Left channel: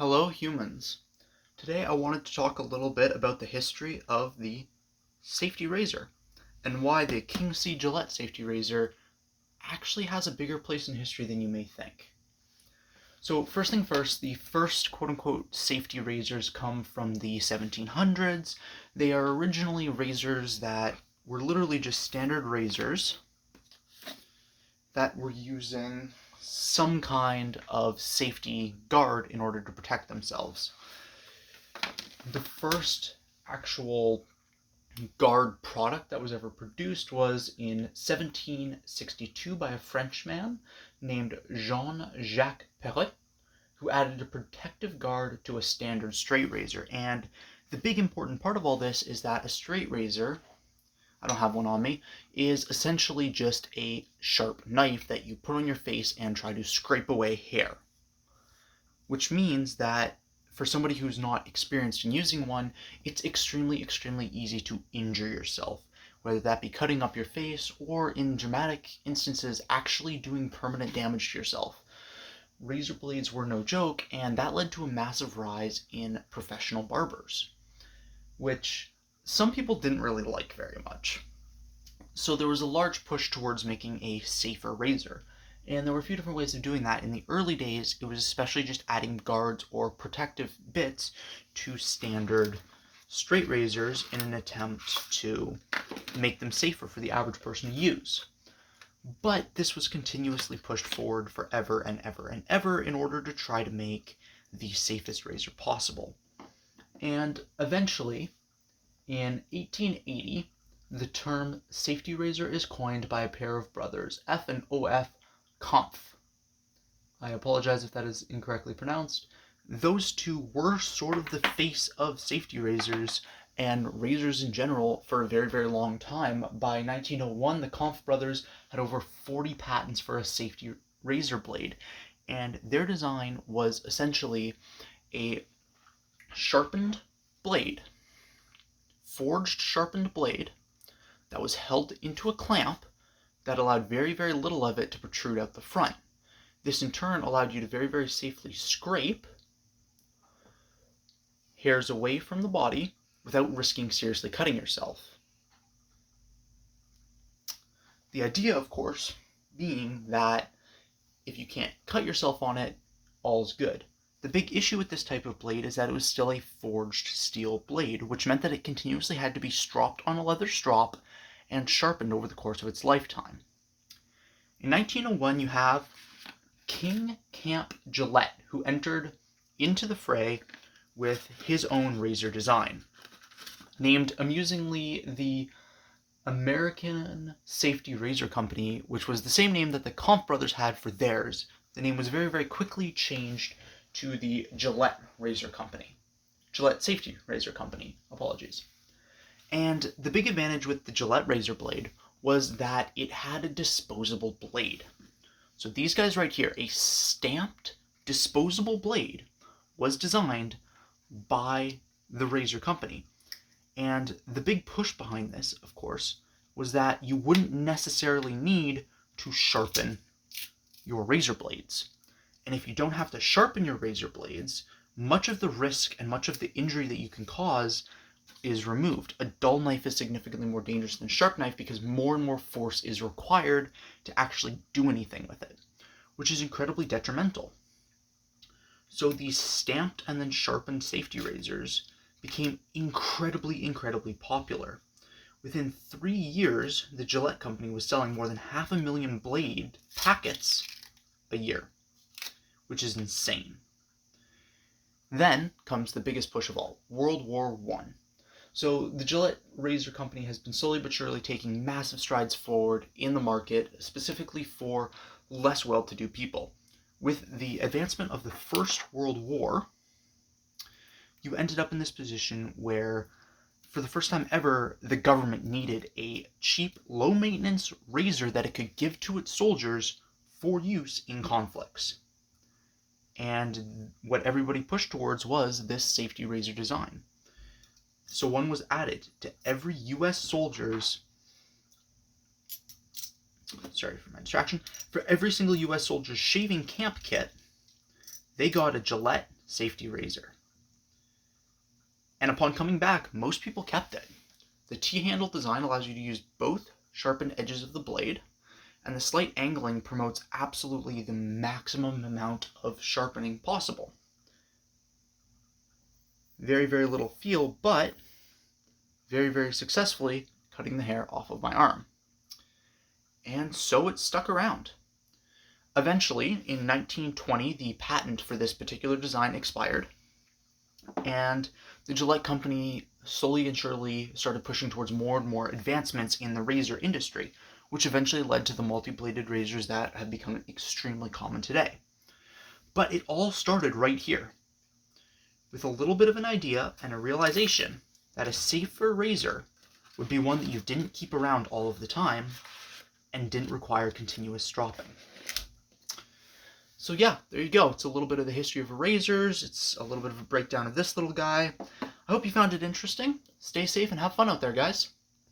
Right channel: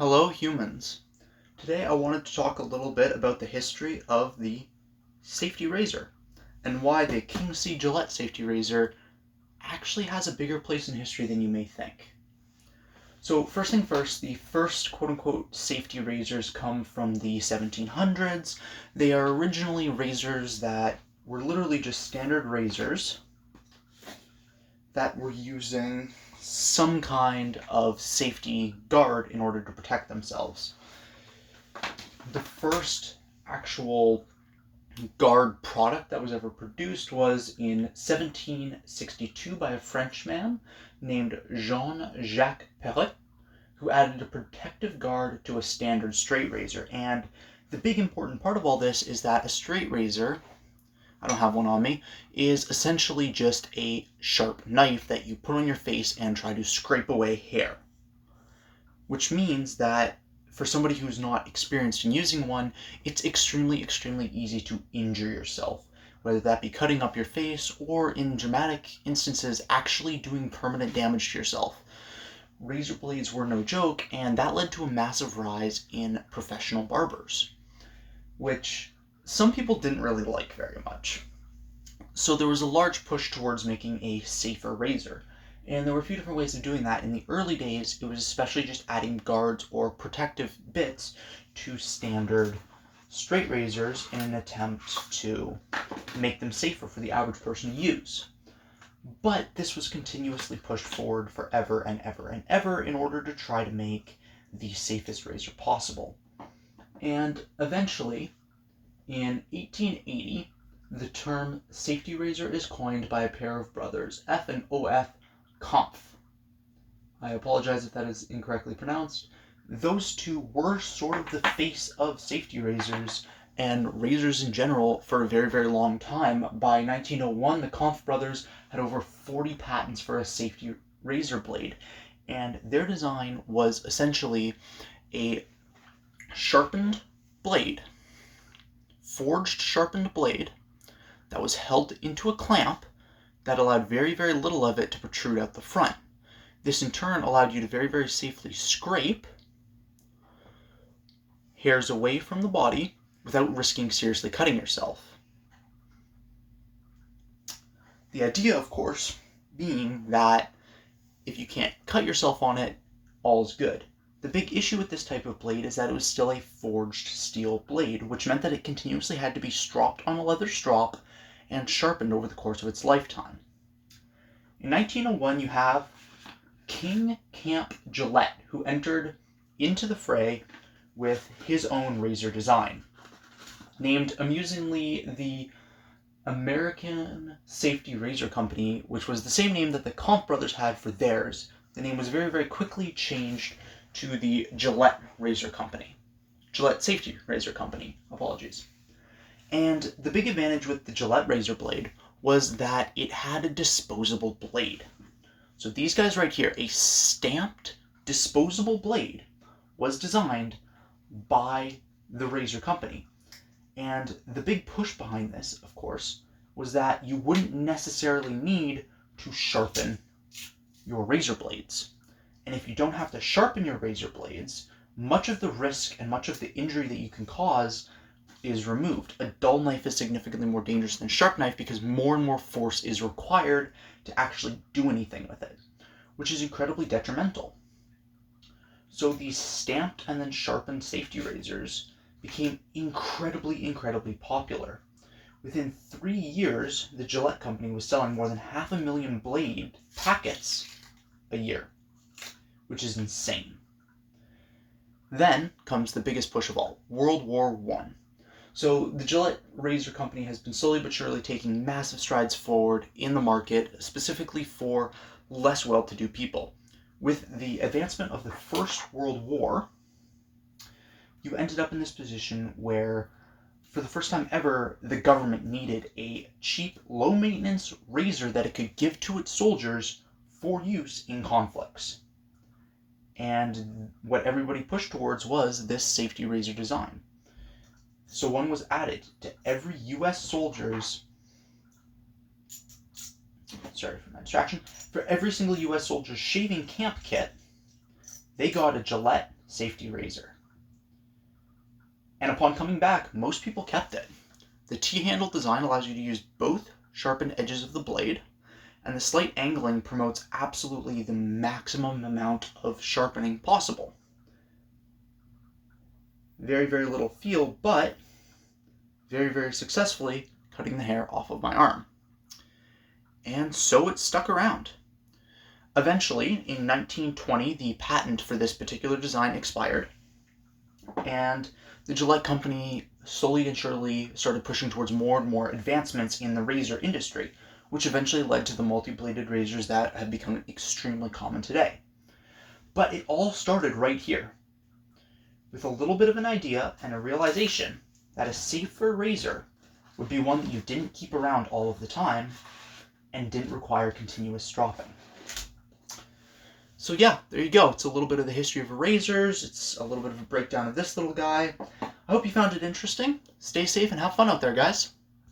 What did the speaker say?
Hello, humans. Today I wanted to talk a little bit about the history of the safety razor and why the King C. Gillette safety razor actually has a bigger place in history than you may think. So first thing first, the first quote-unquote safety razors come from the 1700s. They are originally razors that were literally just standard razors that were using some kind of safety guard in order to protect themselves. The first actual guard product that was ever produced was in 1762 by a Frenchman named Jean-Jacques Perret, who added a protective guard to a standard straight razor. And the big important part of all this is that a straight razor, I don't have one on me, is essentially just a sharp knife that you put on your face and try to scrape away hair. Which means that for somebody who's not experienced in using one, it's extremely easy to injure yourself, whether that be cutting up your face or, in dramatic instances, actually doing permanent damage to yourself. Razor blades were no joke, and that led to a massive rise in professional barbers, which some people didn't really like very much. So there was a large push towards making a safer razor. And there were a few different ways of doing that. In the early days, it was especially just adding guards or protective bits to standard straight razors in an attempt to make them safer for the average person to use. But this was continuously pushed forward forever and ever in order to try to make the safest razor possible. And eventually, in 1880, the term safety razor is coined by a pair of brothers, F and O.F. Kampf. I apologize if that is incorrectly pronounced. Those two were sort of the face of safety razors and razors in general for a very long time. By 1901, the Kampf brothers had over 40 patents for a safety razor blade, and their design was essentially a sharpened blade, forged sharpened blade that was held into a clamp that allowed very little of it to protrude out the front. This in turn allowed you to very safely scrape hairs away from the body without risking seriously cutting yourself. The idea, of course, being that if you can't cut yourself on it, all's good. The big issue with this type of blade is that it was still a forged steel blade, which meant that it continuously had to be stropped on a leather strop and sharpened over the course of its lifetime. In 1901, you have King Camp Gillette, who entered into the fray with his own razor design, named amusingly the American Safety Razor Company, which was the same name that the Kampf brothers had for theirs. The name was very quickly changed to the Gillette Razor Company. Gillette Safety Razor Company, apologies. And the big advantage with the Gillette razor blade was that it had a disposable blade. So these guys right here, a stamped disposable blade, was designed by the razor company. And the big push behind this, of course, was that you wouldn't necessarily need to sharpen your razor blades. And if you don't have to sharpen your razor blades, much of the risk and much of the injury that you can cause is removed. A dull knife is significantly more dangerous than a sharp knife because more and more force is required to actually do anything with it, which is incredibly detrimental. So these stamped and then sharpened safety razors became incredibly popular. Within 3 years, the Gillette company was selling more than 500,000 blade packets a year, which is insane. Then comes the biggest push of all, World War I. So the Gillette Razor Company has been slowly but surely taking massive strides forward in the market, specifically for less well-to-do people. With the advancement of the First World War, you ended up in this position where, for the first time ever, the government needed a cheap, low-maintenance razor that it could give to its soldiers for use in conflicts. And what everybody pushed towards was this safety razor design. So one was added to every U.S. soldier's, sorry for my distraction, for every single U.S. soldier's shaving camp kit, they got a Gillette safety razor. And upon coming back, most people kept it. The T-handle design allows you to use both sharpened edges of the blade, and the slight angling promotes absolutely the maximum amount of sharpening possible. Very, very little feel, but very, very successfully cutting the hair off of my arm. And so it stuck around. Eventually, in 1920, the patent for this particular design expired, and the Gillette company slowly and surely started pushing towards more and more advancements in the razor industry, which eventually led to the multi-bladed razors that have become extremely common today. But it all started right here, with a little bit of an idea and a realization that a safer razor would be one that you didn't keep around all of the time and didn't require continuous stropping. So yeah, there you go. It's a little bit of the history of razors. It's a little bit of a breakdown of this little guy. I hope you found it interesting. Stay safe and have fun out there, guys.